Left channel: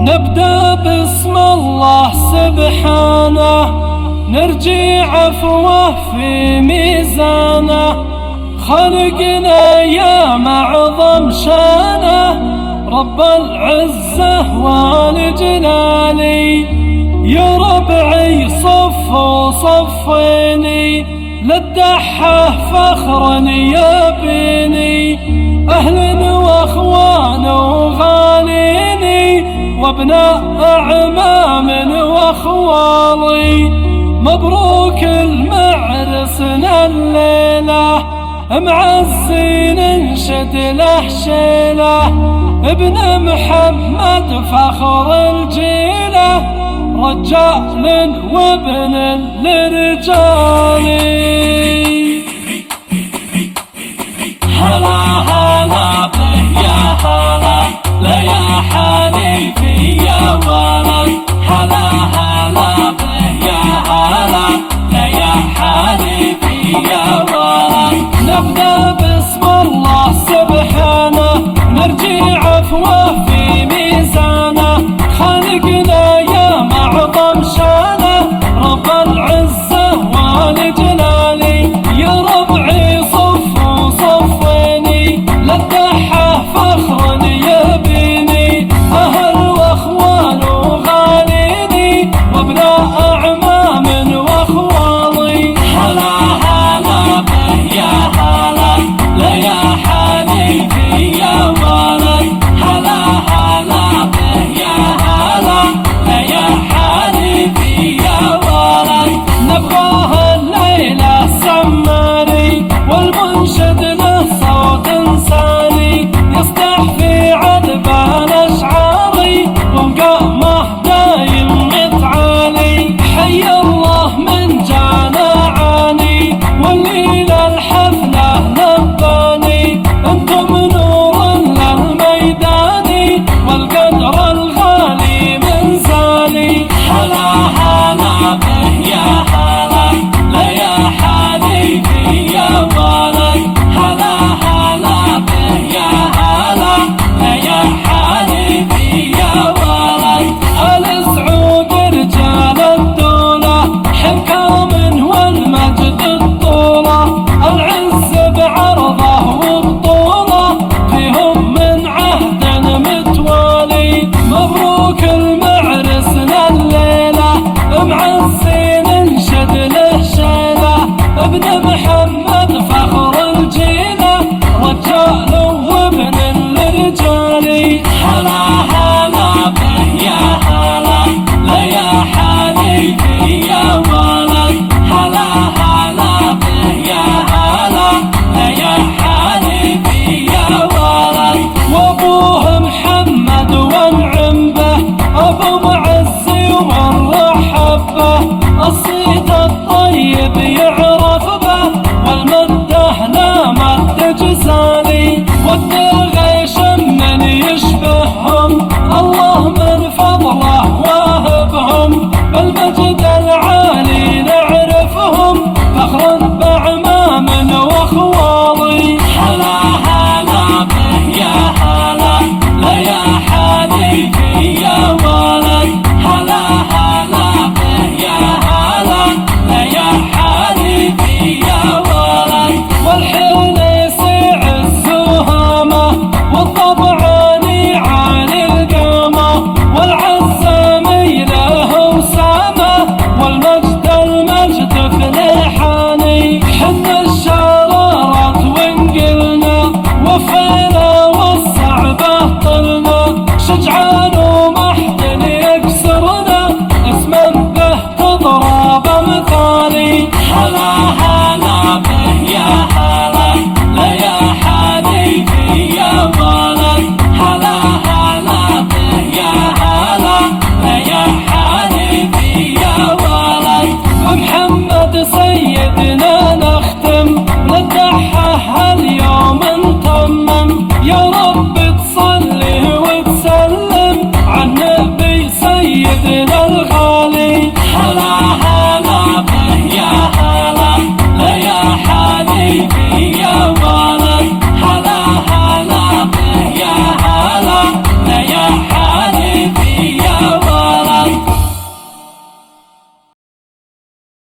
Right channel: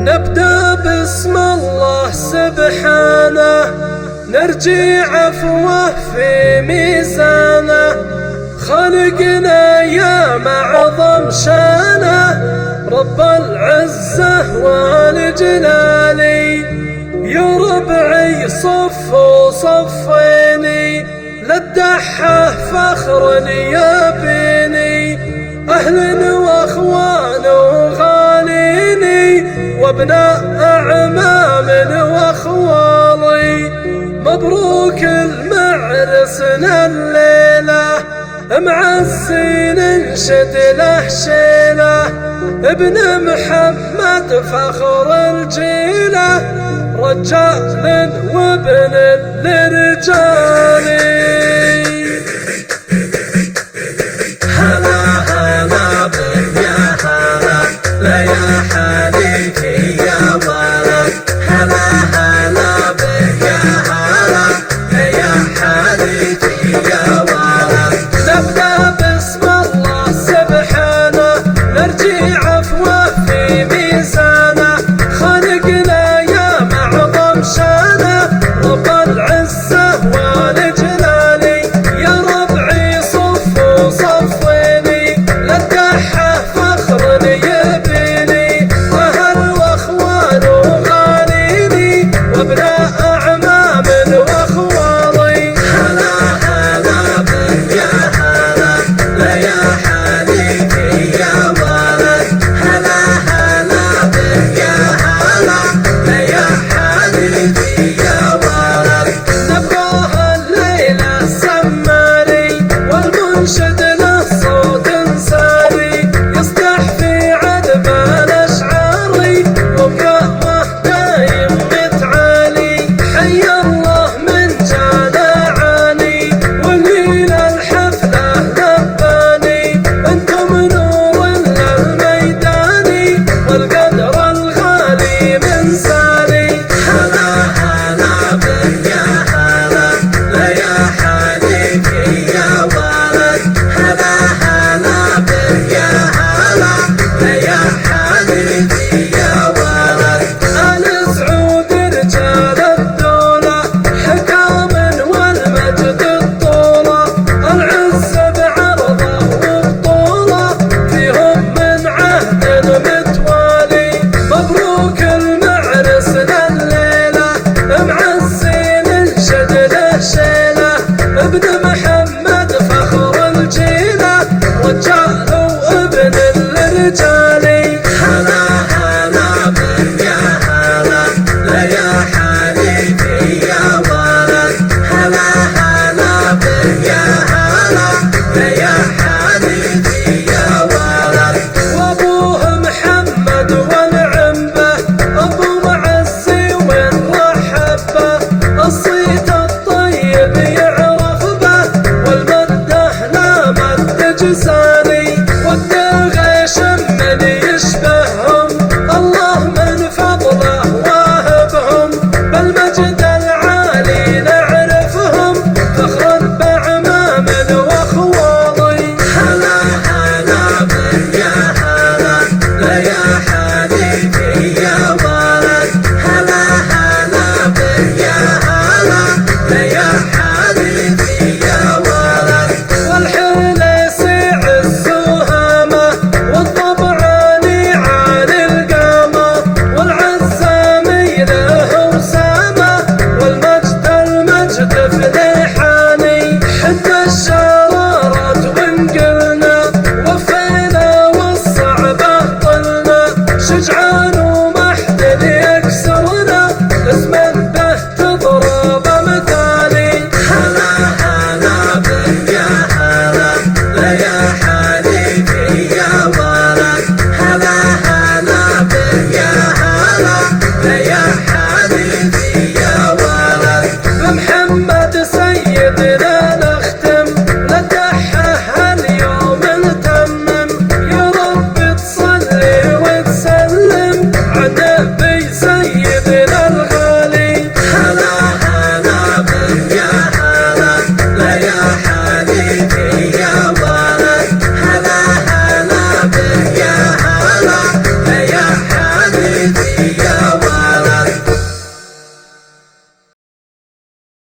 نبدأ باسم الله سبحانه، نرجي عفوه في ميزانه. خلقنا يا معظم شانه، رب العزة والجلال. يا ربعي صف وصفيني، للدحة فخرا يبيني. أهل واخوان وغاليني، وابناء أعمام واخوالي. مبروك المعرسنا الليلة، معزين انشد له شيله. ابن محمد فخر الجيله، رجال وابن للرجال. هلا هلا بك يا هلا، لا يا حليفي يا